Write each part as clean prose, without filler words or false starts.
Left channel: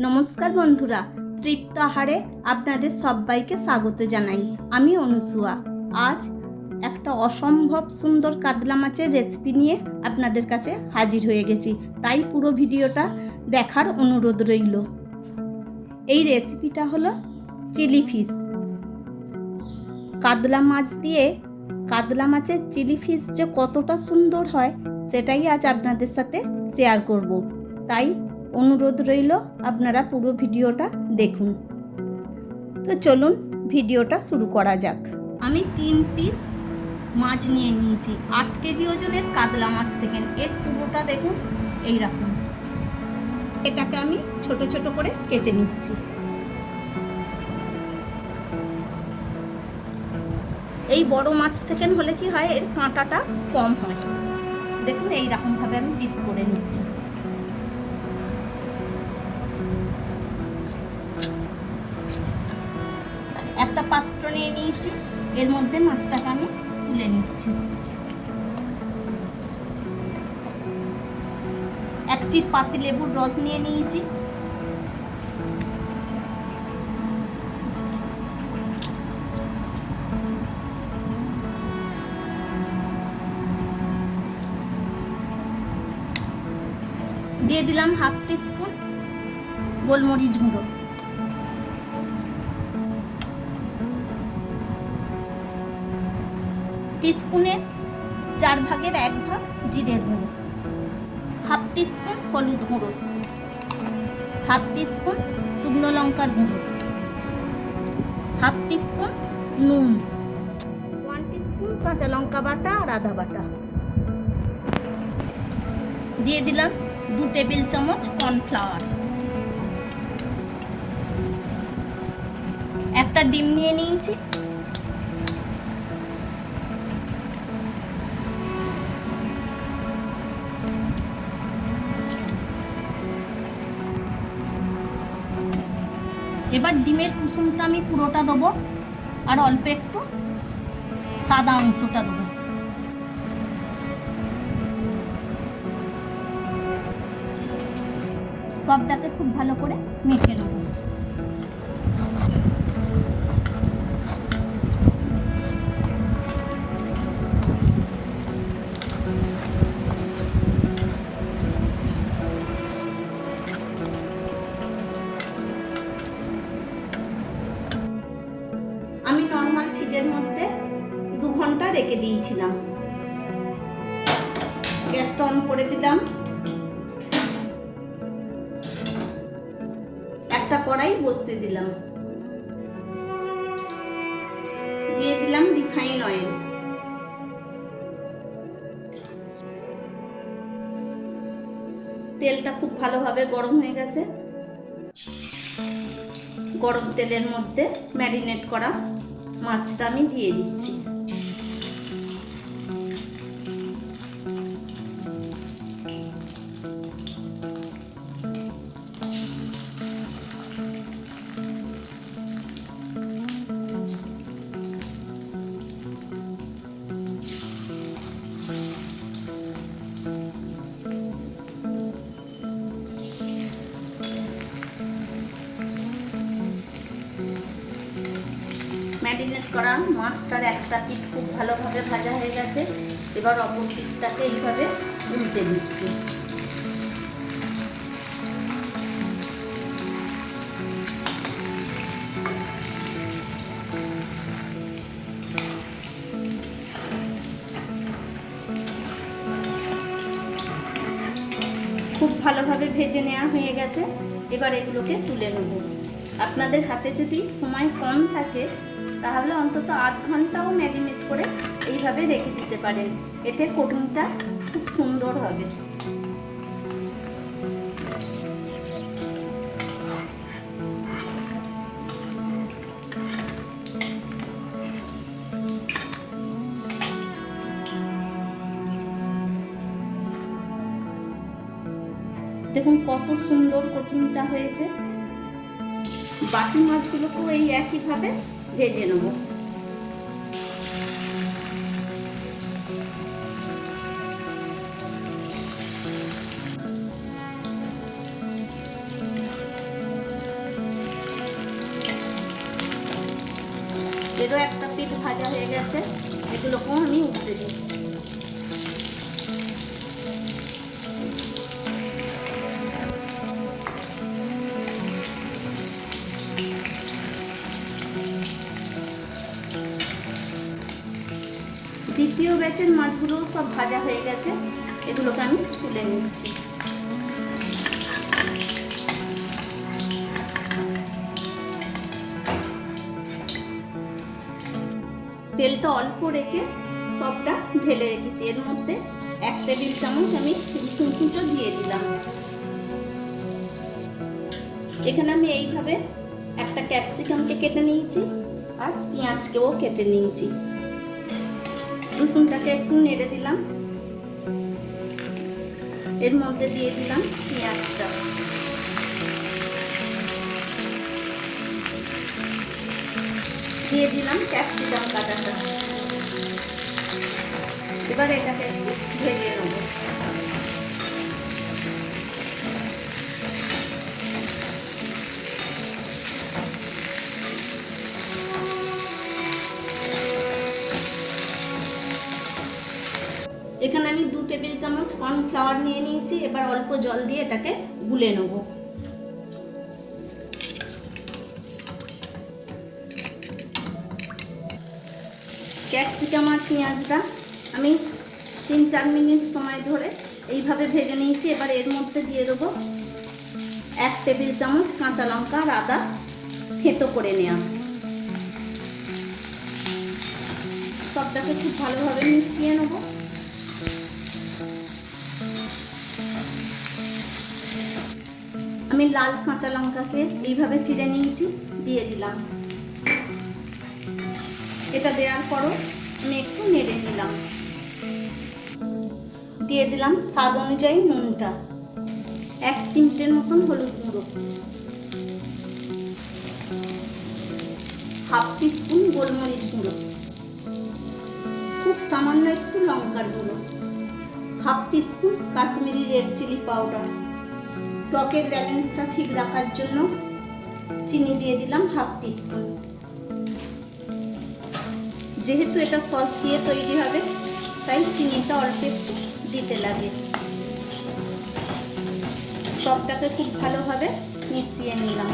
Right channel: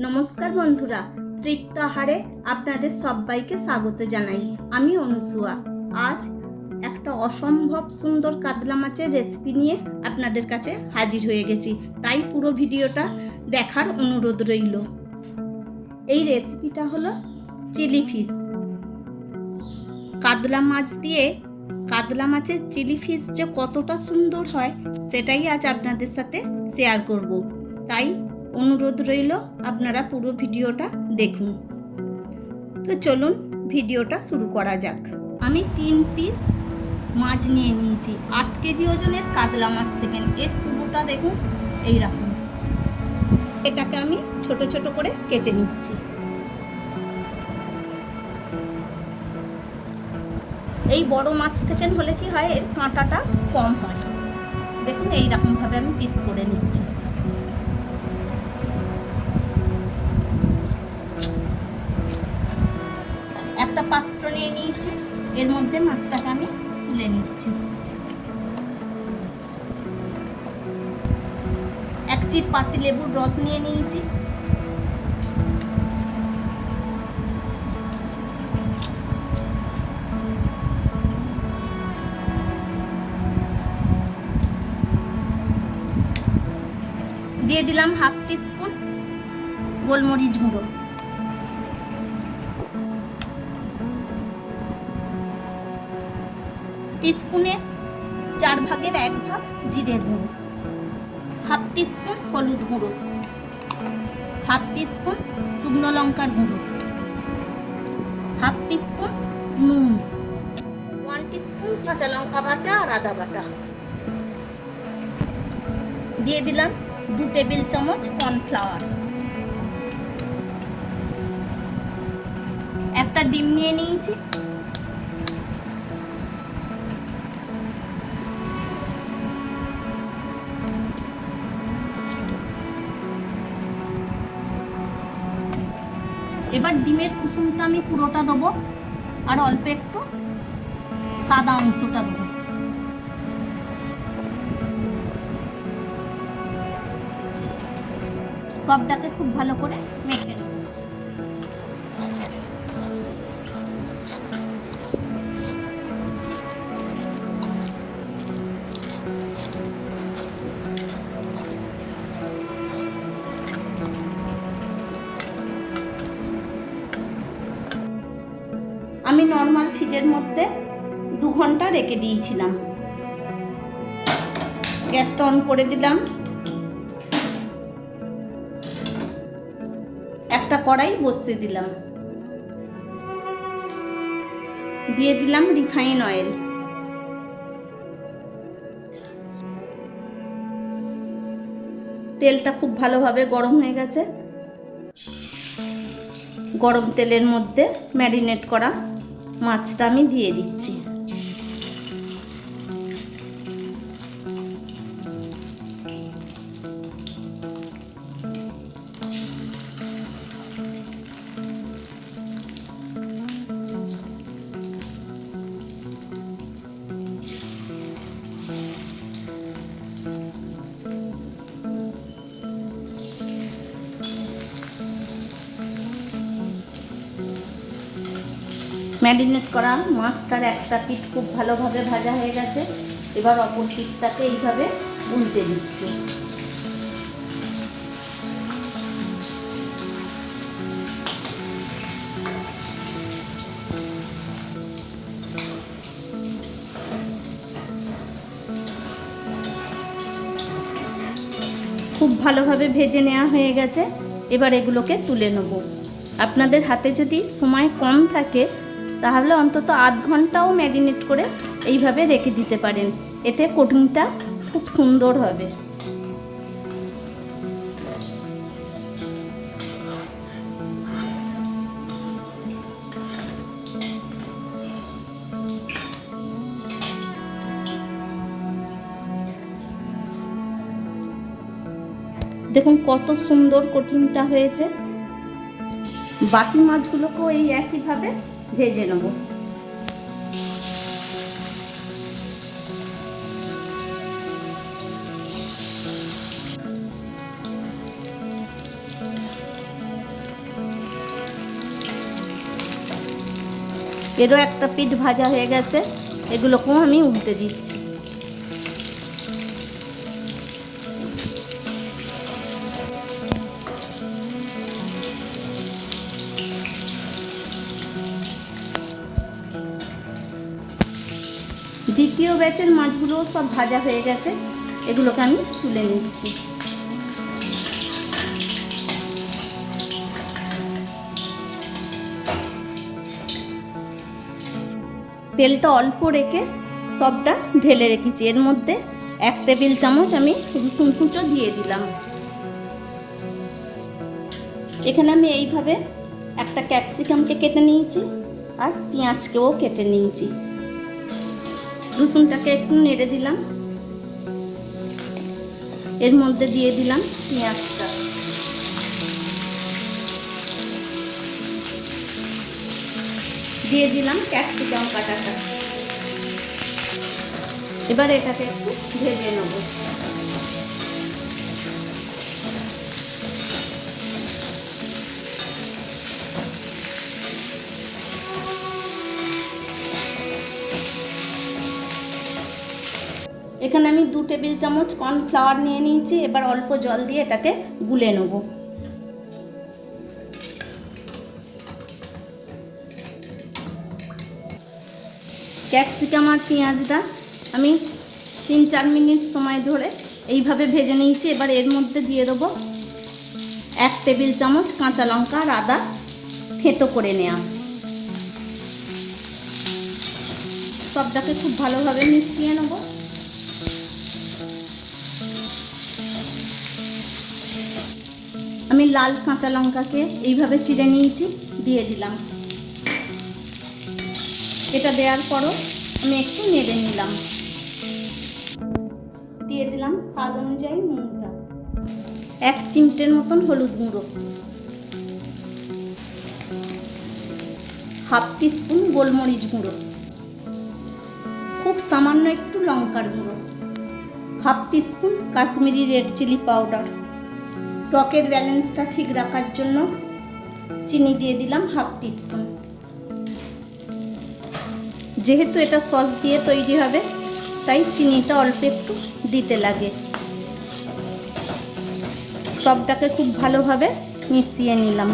নমস্কার বন্ধুরা, তৃপ্ত আহারে আপনাদের সবাইকে স্বাগত জানাই। আমি অনুসুয়া। আজ একটা অসম্ভব সুন্দর কাতলা মাছের রেসিপি নিয়ে আপনাদের কাছে হাজির হয়ে গেছি, তাই পুরো ভিডিওটা দেখার অনুরোধ রইল। এই রেসিপিটা হলো চিলি ফিশ। কাতলা মাছ দিয়ে কাতলা মাছের চিলি ফিশ যে কতটা সুন্দর হয় সেটাই আজ আপনাদের সাথে শেয়ার করব, তাই অনুরোধ রইল আপনারা পুরো ভিডিওটা দেখুন। তো চলুন ভিডিওটা শুরু করা যাক। আমি 3 পিস মাছ নিয়ে নিয়েছি 8 কেজি ওজনের কাতলা মাছ থেকে। এর পুরোটা দেখুন এইরকম। এটাকে আমি ছোট ছোট করে কেটে নিচ্ছি। এই বড় মাছ থেকে হলে কি হয়, এর কাঁটাটা কম হয়। দেখুন এইরকমভাবে আমি পিস করে নিচ্ছি। একটা পাত্র নিয়ে নিয়েছি, এর মধ্যে মাছটাকে আমি তুলে নিচ্ছি। এক চির পাতি লেবুর রস নিয়ে নিয়েছি। দিয়ে দিলাম হাফ টিস্পুন গোলমরিচ গুঁড়ো। টিস্পুনের 4 ভাগের 1 ভাগ জিরের গুঁড়ো, হাফ টিস্পুন হলুদ গুঁড়ো, হাফ টিস্পুন শুকনো লঙ্কার গুঁড়ো, হাফ টিস্পুন নুন, 1 টিস্পুন কাঁচা লঙ্কা বাটা আর আদা বাটা। দিয়ে দিলাম 2 টেবিল চামচ কর্নফ্লাওয়ার। একটা ডিম নিয়ে নিয়েছি। এবার ডিমের কুসুমটা আমি পুরোটা দেবো আর অল্প একটু সাদা অংশটা দেবো। সবটাকে খুব ভালো করে মেখে নেব। আমি নর্মাল ফ্রিজের মধ্যে 2 ঘন্টা রেখে দিয়েছিলাম। গ্যাসটা অন করে দিলাম। একটা কড়াই বসিয়ে দিলাম। দিয়ে দিলাম রিফাইন অয়েল। তেলটা খুব ভালোভাবে গরম হয়ে গেছে। গরম তেলের মধ্যে ম্যারিনেট করা মাছটা আমি দিয়ে দিচ্ছি। ম্যারিনেট করা মাছটার একটা পিঠ খুব ভালোভাবে ভাজা হয়ে গেছে। এবার অপর পিঠটাকে এইভাবে উল্টে দিচ্ছি। খুব ভালোভাবে ভেজে নেওয়া হয়ে গেছে। এবার এগুলোকে তুলে নেব। আপনাদের হাতে যদি সময় কম থাকে তাহলে অন্তত আধ ঘন্টাও ম্যারিনেট করে এইভাবে রেখে দিতে পারেন, এতে কোটিংটা খুব সুন্দর হবে। দেখুন কত সুন্দর কোটিংটা হয়েছে। বাকি মাছগুলোকেও এই একইভাবে ভেজে নেব। এরও একটা পিঠ ভাজা হয়ে গেছে, এগুলোকেও আমি উল্টে দিচ্ছি। দ্বিতীয় ব্যাচের মাছগুলোও সব ভাজা হয়ে গেছে, এগুলোকে আমি তুলে নিচ্ছি। তেলটা অল্প রেখে সবটা ঢেলে রেখেছি। এর মধ্যে 1 টেবিল চামচ আমি রসুন কুচো দিয়ে দিলাম। এখানে আমি এইভাবে একটা ক্যাপসিকামকে কেটে নিয়েছি আর পেঁয়াজকেও কেটে নিয়েছি। রসুনটাকে একটু নেড়ে দিলাম, এর মধ্যে দিয়ে দিলাম পেঁয়াজটা, দিয়ে দিলাম ক্যাপসিকাম কাটাটা। এবার এটাকে একটু ভেজে নেব। এখানে আমি 2 টেবিল চামচ কর্নফ্লাওয়ার নিয়ে নিয়েছি। এবার অল্প জল দিয়ে এটাকে গুলে নেব। ক্যাপসিকাম আর পেঁয়াজটা আমি 3-4 মিনিট সময় ধরে এইভাবে ভেজে নিয়েছি। এবার এর মধ্যে দিয়ে দেবো 1 টেবিল চামচ কাঁচা লঙ্কা আর আদা থেঁতো করে নেওয়া। সবটাকে খুব ভালোভাবে মিশিয়ে নেব। আমি লাল কাঁচা লঙ্কাকে এইভাবে চিড়ে নিয়েছি, দিয়ে দিলাম। এটা দেওয়ার পরও আমি একটু নেড়ে নিলাম। দিয়ে দিলাম স্বাদ অনুযায়ী নুনটা, 1 চিমটের মতন হলুদ গুঁড়ো, 1/2 টিস্পুন গোলমরিচ গুঁড়ো, খুব সামান্য একটু লঙ্কার গুঁড়ো, 1/2 teaspoon Kashmiri red chilli powder. টকের ব্যালেন্সটা ঠিক রাখার জন্য চিনি দিয়ে দিলাম 1/2 টিস্পুন। যেহেতু এটা সস দিয়ে তৈরি হবে তাই চিনিটা অল্প একটু দিতে লাগে। সবটাকে খুব ভালোভাবে মিশিয়ে নিলাম।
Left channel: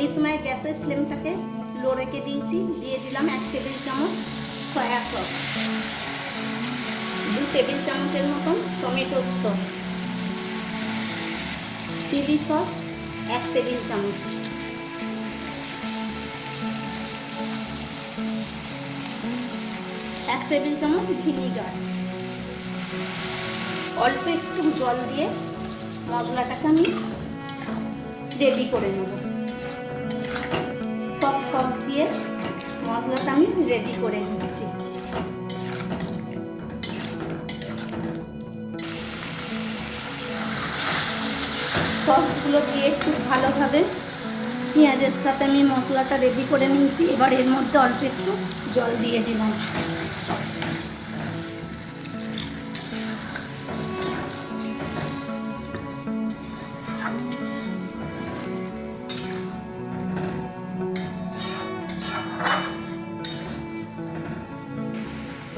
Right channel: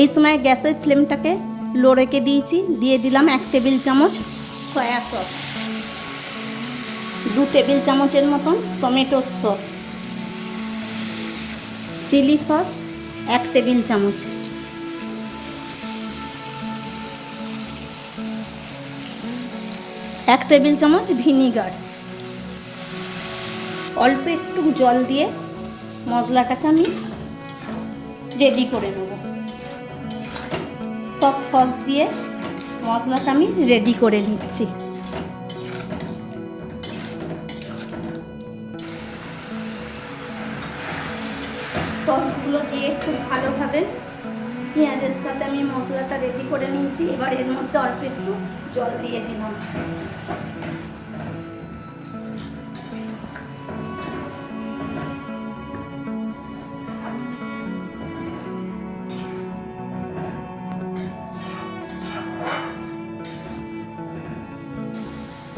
এই সময় গ্যাসের ফ্লেমটাকে লো রেখে দিয়েছি। দিয়ে দিলাম 1 টেবিল চামচ সয়া সস, 2 টেবিল চামচের মতন tomato sauce, chilli sauce 1 table চামচ, এক টেবিল চামচ ভিনিগার। অল্প একটু জল দিয়ে মশলাটাকে আমি রেডি করে নেব। সব সস দিয়ে মশলাটা আমি রেডি করে নিচ্ছি। সসগুলো দিয়ে খুব ভালোভাবে পেঁয়াজের সাথে আমি মশলাটা রেডি করে নিয়েছি। এবার এর মধ্যে অল্প একটু জল দিয়ে দিলাম।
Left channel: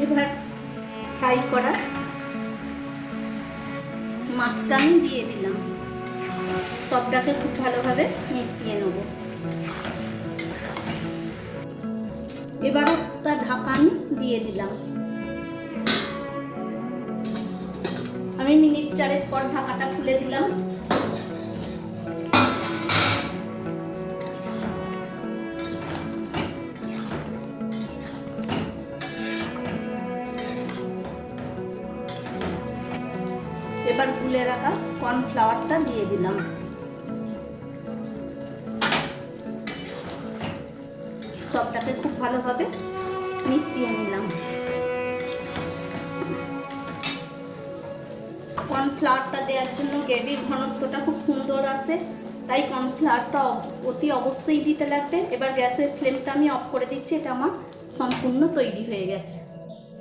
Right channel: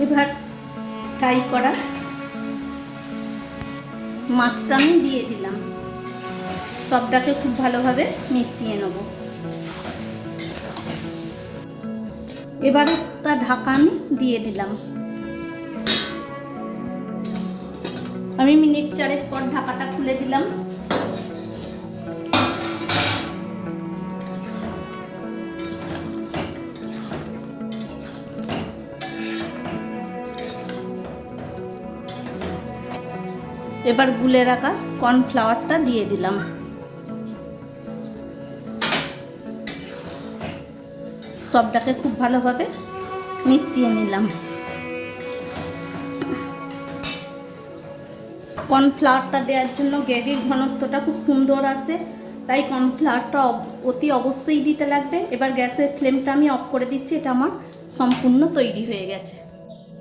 এবার ফ্রাই করা মাছটা আমি দিয়ে দিলাম। সবটাকে খুব ভালোভাবে মিশিয়ে নেব। এবার একটা ঢাকা আমি দিয়ে দিলাম। আমি মিনিট 4 পর ঢাকাটা খুলে দিলাম। এবার গুলে রাখা কর্নফ্লাওয়ারটা দিয়ে দিলাম। সবটাকে খুব ভালোভাবে মিশিয়ে নিলাম। কর্নফ্লাওয়ারটা দেওয়ার জন্য গ্রেভির ঘনত্বটা খুব সুন্দর আসে, তাই কর্নফ্লাওয়ারটা অতি অবশ্যই দিতে লাগবে। এবার গ্যাসের ফ্লেমটা আমি অফ করে দিচ্ছি। এটা আমার সম্পূর্ণ তৈরি হয়ে গেছে।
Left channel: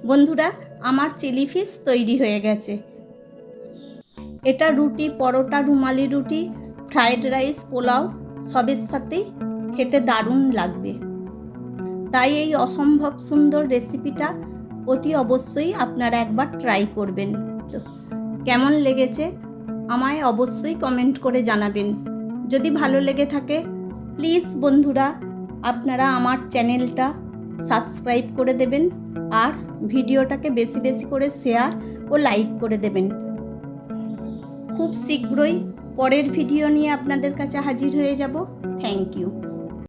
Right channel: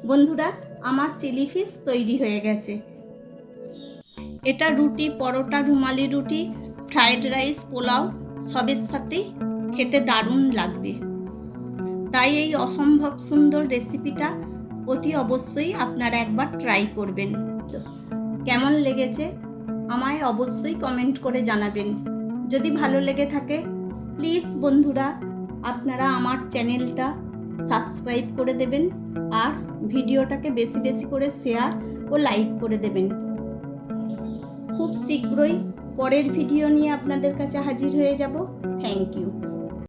বন্ধুরা, আমার চিলি ফিশ তৈরি হয়ে গেছে। এটা রুটি, পরোটা, রুমালি রুটি, ফ্রায়েড রাইস, পোলাও সবের সাথেই খেতে দারুণ লাগবে। তাই এই অসম্ভব সুন্দর রেসিপিটা অতি অবশ্যই আপনারা একবার ট্রাই করবেন। তো কেমন লেগেছে আমায় অবশ্যই কমেন্ট করে জানাবেন। যদি ভালো লেগে থাকে প্লিজ বন্ধুরা আপনারা আমার চ্যানেলটা সাবস্ক্রাইব করে দেবেন আর ভিডিওটাকে বেশি বেশি করে শেয়ার ও লাইক করে দেবেন। খুব শীঘ্রই পরের ভিডিও নিয়ে আপনাদের কাছে হাজির হয়ে যাব। Thank you.